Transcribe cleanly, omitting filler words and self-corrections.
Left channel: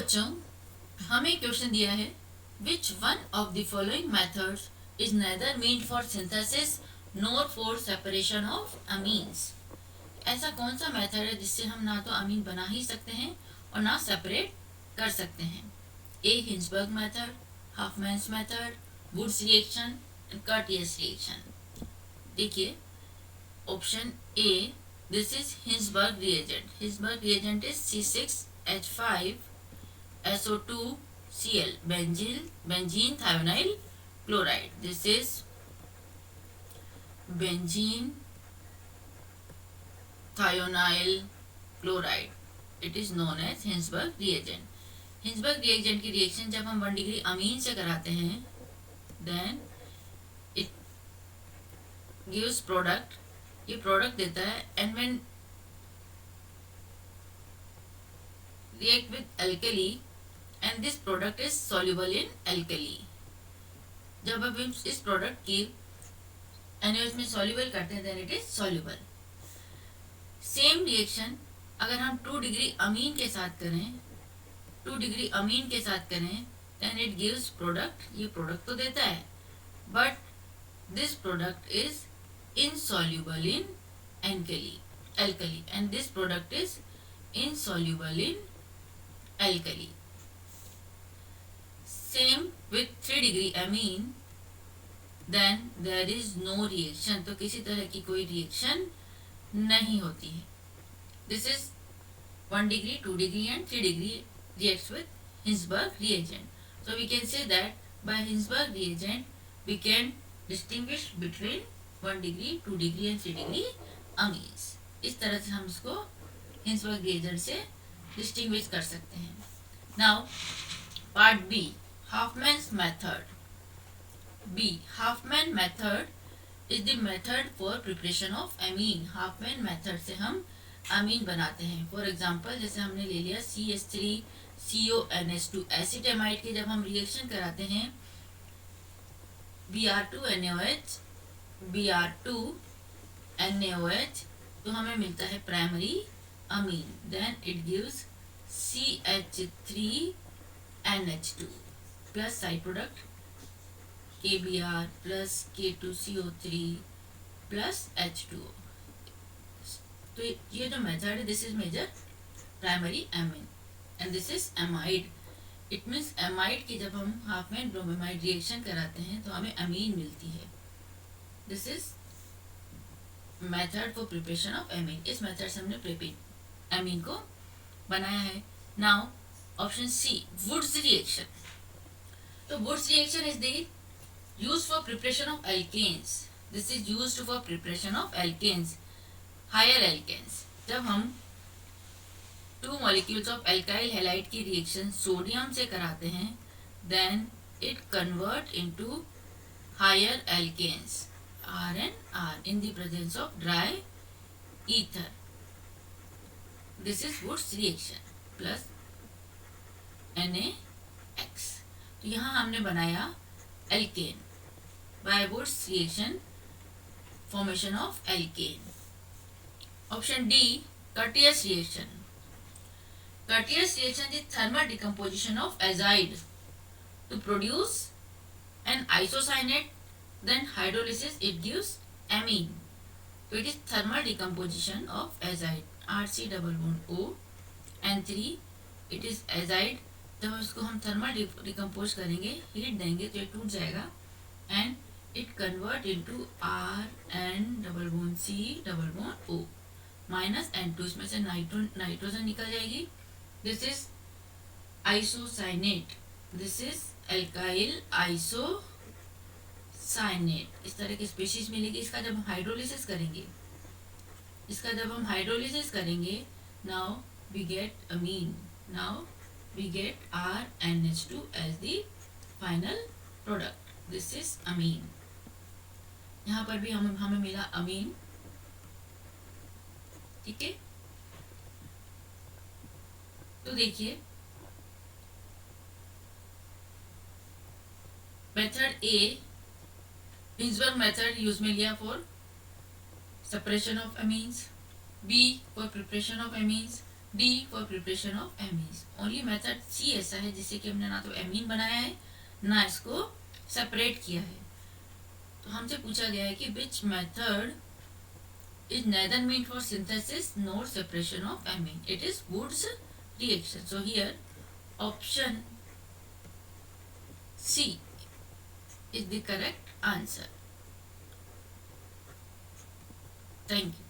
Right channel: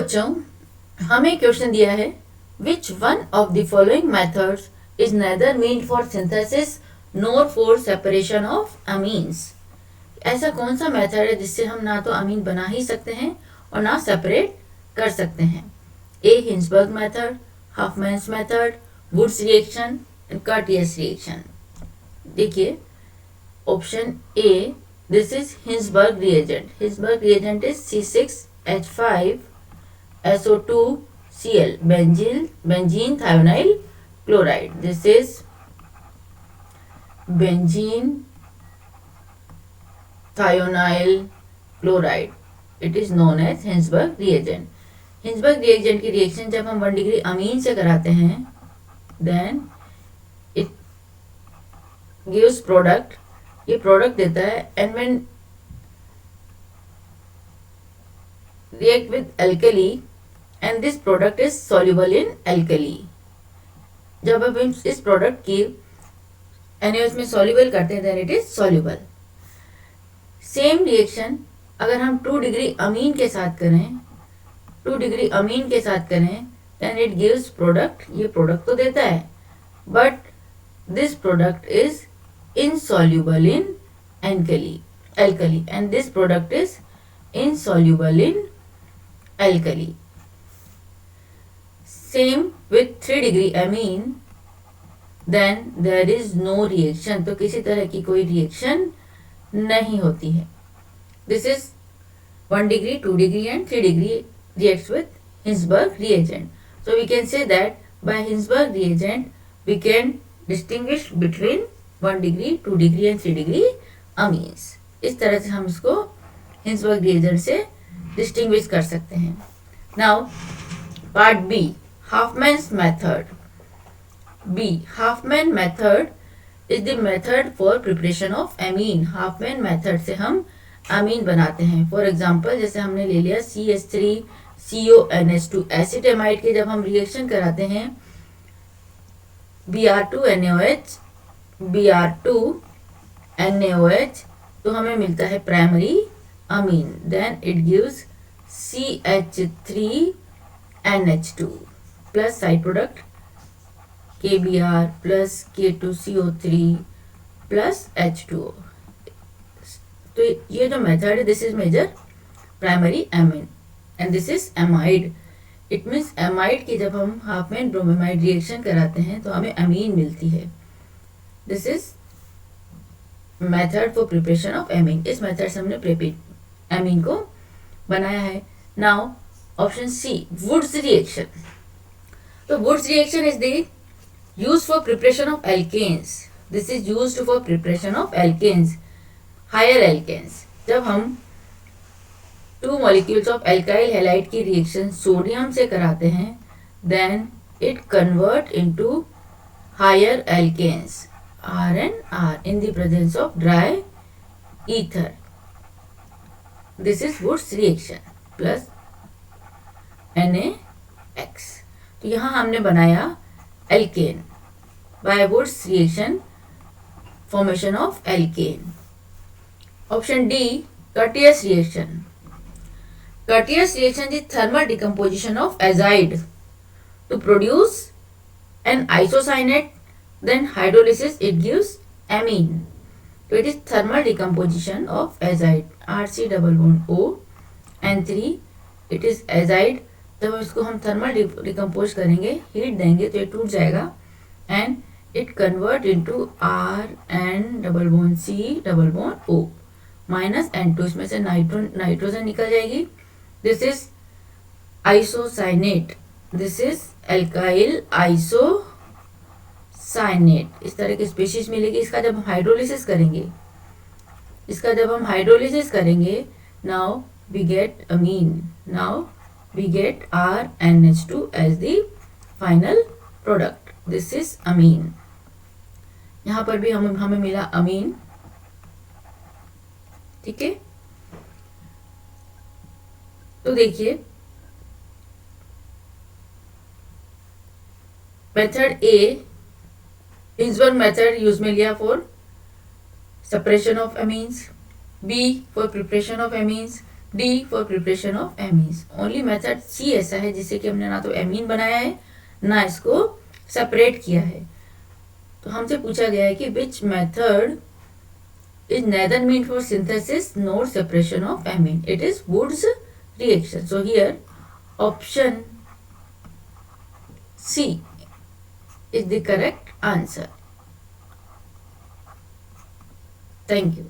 बच्चों, हमें क्वेश्चन दिया है which one of the following methods is nether mean for synthesis NOR for separation of amines. ऐसा कौन सा मेथड है जिससे हम ना तो अमीन बना ही सकते हैं और ना सेपरेट कर सकते हैं। A Hinsberg method, Hoffmann's method, Wood's reaction and Curtius reaction. देखिए option A, this is Hinsberg reagent. Hinsberg reagent is C6H5 SO2Cl, benzene thionyl chloride. This is benzene thionyl chloride. It is known as Hinsberg reagent. Hinsberg reagent की reaction जब हम 1 degree amine से कराते हैं then it gives product, ये product देता है and when react with alkali and this product is soluble in alkali. जब हम इस प्रोडक्ट की NaOH में soluble करते हैं then it is soluble. Same reaction अगर हम 2 डिग्री अमीन के साथ करें, 2 डिग्री अमीन के साथ करें then it gives प्रोडक्ट, ये प्रोडक्ट तो देता है but this product is insoluble in alkali and this product is insoluble in alkali. Same with 3 degree amine, then there is no reaction. तो किसी तरह की कोई रिएक्शन नहीं होती है. This is 1 degree, 2 degree and 3 degree reacts with Hinsberg reagent. So we can say that by Hinsberg reagent we can distinguish between 1 degree, 2 degree and 3 degree amines. इस तरह से हम इसको Hinsberg reagent से डिस्टिंग्विश कर सकते हैं. Now part B, Hofmann's method. B, Hofmann method is the method for preparation of amine. Hofmann method से हम अमीन बनाते हैं. फॉर एग्जांपल जैसे हमने ले लिया CH3CONH2 एसिटेमाइड के जब हम रिएक्शन कराते हैं Br2NaOH Br2NaOH तो हमें मिलता है primary amine, then it gives CH3NH2 plus side product KBr plus K2CO3 plus H2O. तो ये जो मेथड है this is major primary amine and this is amide. It means amide की जब हम हाफमैन ब्रोमीमाइड रिएक्शन कराते हैं तो हमें अमीन मिलती है. This is method for preparation of amine. इस मेथड से हमने एमीन को बनाया है. Now option C, Wurtz reaction. तो Wurtz reaction is the use for preparation of alkanes. This is used for preparation of alkanes, higher alkanes. जब हम 2 molecules of alkyl halide की रिएक्शन सोडियम से कराते हैं then it convert into higher alkanes RnR in the presence of dry ether. This is Woods reaction plus NaX. तो यहाँ हमने बनाया alkane by Wurtz reaction, formation of alkane. Option D, Curtius reaction. Curtius reaction is thermal decomposition of azide to produce an isocyanate. Then hydrolysis it gives amine. So it is thermal decomposition of azide, RC double bond O and 3. It is azide. जब इसको हम thermal decompose करेंगे, heat देंगे तो ये टूट जाएगा and it convert into RN double bond C double bond O minus N2. इसमें से नाइट्रोजन निकल जाएगी. This is isocyanate. This is alkyl isocyanate. इस तरह की स्पीशीज मिलेगी. इसका जब हम हाइड्रोलिसिस करेंगे, now we get amine. Now we get RnH2 as the final product. This is amine. यहाँ पर भी हमें मिला अमीन. ठीक है, तो देखिए method A, Hinsberg method use में लिया for separation of amines. B for preparation of amines. D for preparation of amines. Only method C ऐसा है जिससे कि हमने ना तो एमीन बनाया है ना इसको सेपरेट किया है। तो हमसे पूछा गया है कि which method is neither mean for synthesis nor separation of amine. It is Wood's reaction. So here option C is the correct answer. Thank you.